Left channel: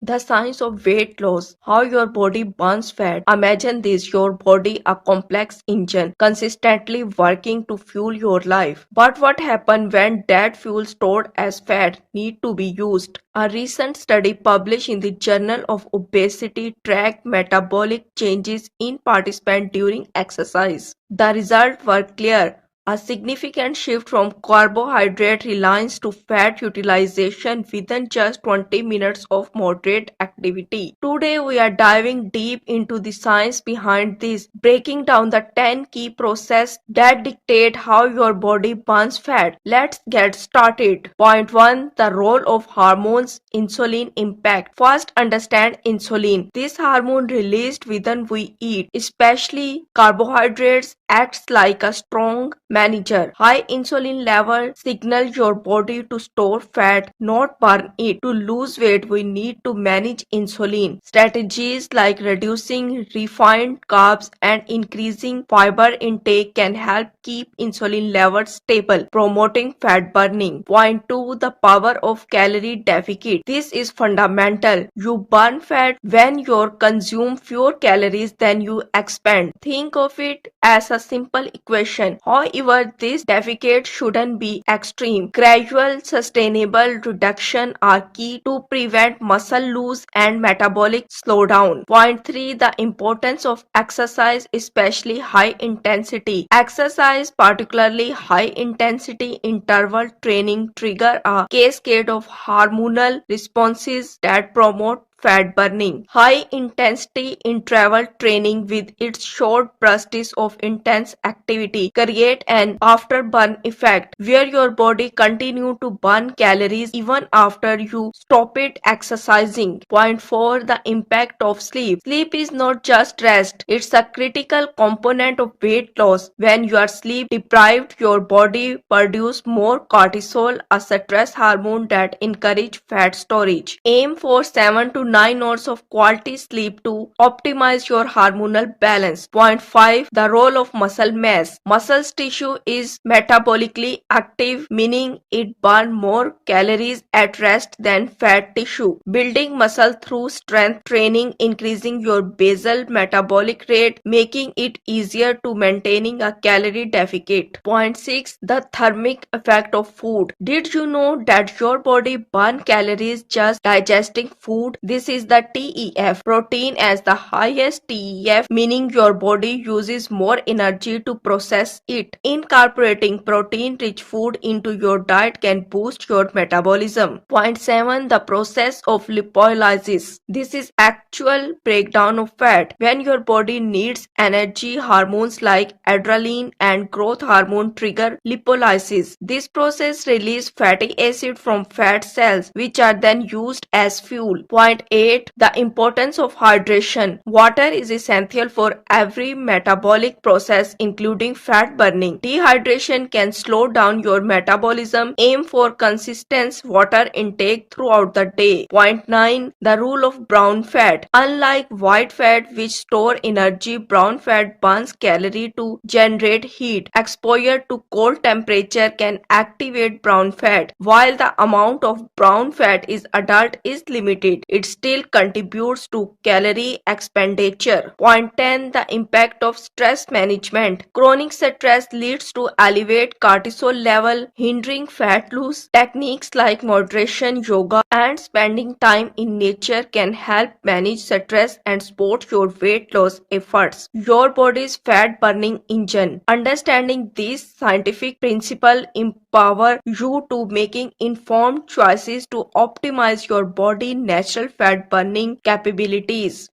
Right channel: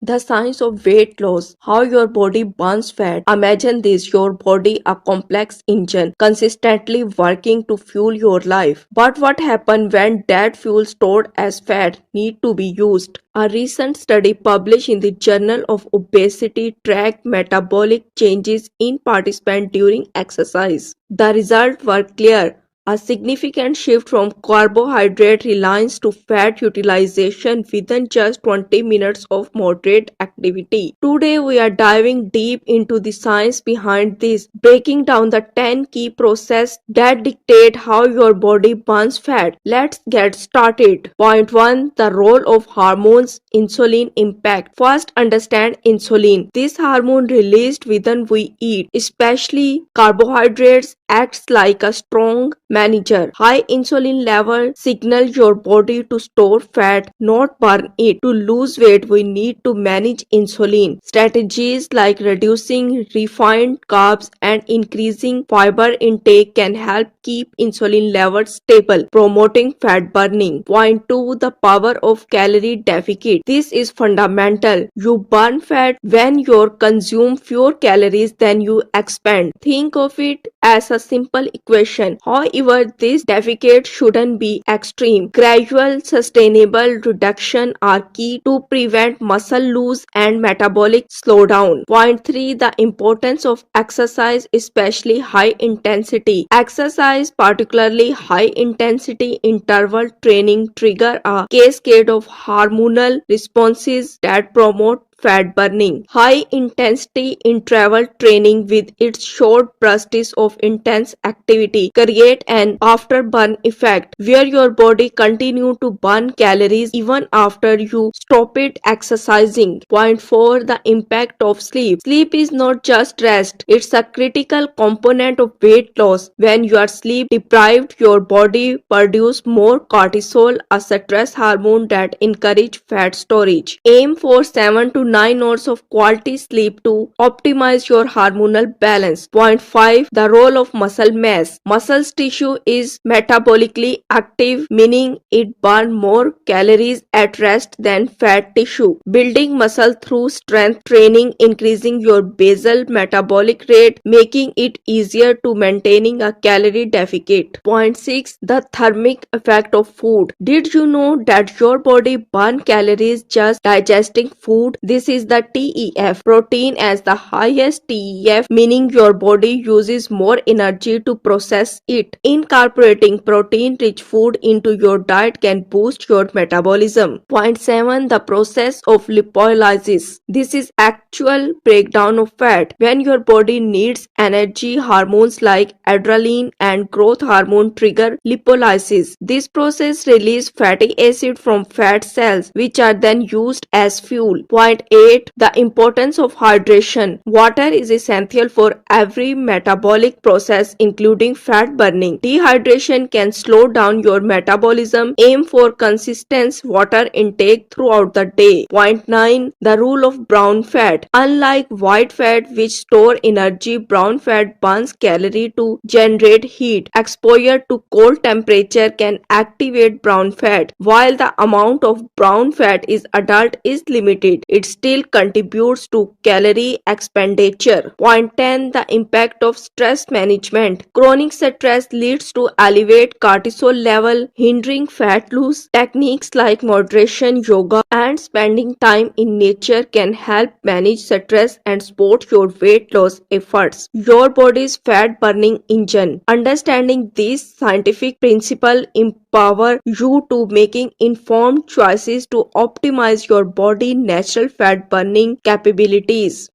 The science of weight loss, how your body burns fat. Imagine this, your body a complex engine consistently working to fuel your life. But what happens when that fuel stored as fat need to be used? A recent study published in the Journal of Obesity tracked metabolic changes in participants during exercise. The results were clear. A significant shift from carbohydrate reliance to fat utilization within just 20 minutes of moderate activity. Today we are diving deep into the science behind this, breaking down the 10 key processes that dictate how your body burns fat. Let's get started. Point 1. The role of hormones, insulin impact. First, understand insulin. This hormone released when we eat, especially carbohydrates, acts like a strong manager. High insulin level signal your body to store fat, not burn it. To lose weight, we need to manage insulin. Strategies like reducing refined carbs and increasing fiber intake can help keep insulin levels stable, promoting fat burning. Point 2. The power of calorie deficit. This is fundamental. You burn fat when you consume fewer calories than you expend. Think of it as a simple equation. However, this deficit shouldn't be extreme. Gradual, sustainable reduction are key to prevent muscle loss and metabolic slowdown. Point 3. The importance of exercise, especially high intensity. Exercise, particularly high intensity interval training, trigger a cascade of hormonal responses that promote fat burning. High intensity interval training with its short bursts of intense activity create an afterburn effect where your body continue to burn calories even after you stop it exercising. Point 4. The impact of sleep. Sleep is not just rest, it's a critical component of weight loss. When you are sleep deprived, your body produces more cortisol, a stress hormone that encourages fat storage. Aim for 7 to 9 hours of quality sleep to optimize your hormonal balance. Point 5. The role of muscle mass. Muscle tissue is metabolically active, meaning it burns more calories at rest than fat tissue. Building muscle through strength training, increasing your basal metabolic rate, making it easier to maintaining a calorie deficit. Point 6. The thermic effect of food. Did you know that your body burns calories just digesting food? This is the TEF. Protein as the highest TEF, meaning your body uses more energy to process it. Incorporating protein-rich food into your diet can boost your metabolism. Point 7. The process of lipolysis. This is actual breakdown of fat. When your body needs energy, hormones like adrenaline and growth hormone trigger lipolysis. This process releases fatty acid from fat cells, which are then used as fuel. Point 8. The importance of hydration. Water is essential for every metabolic process, including fat burning. Dehydration can slow down your metabolism. Aim for consistent water intake throughout the day. Point 9. The rule of brown fat. Unlike white fat, which store energy, brown fat burns calorie to generate heat. Exposure to cold temperature can activate brown fat. While the amount of brown fat is adult is limited, it still contributes to calorie expenditure. Point 10. The impact of stress management. Chronic stress leads to elevated cortisol level, hindering fat loss. Techniques like moderation, yoga, and spending time in nature can help manage stress and support your weight loss efforts. Your body's fat burning engine. Understanding these scientific principles empower you to making informed choices to optimize your body natural fat burning capabilities.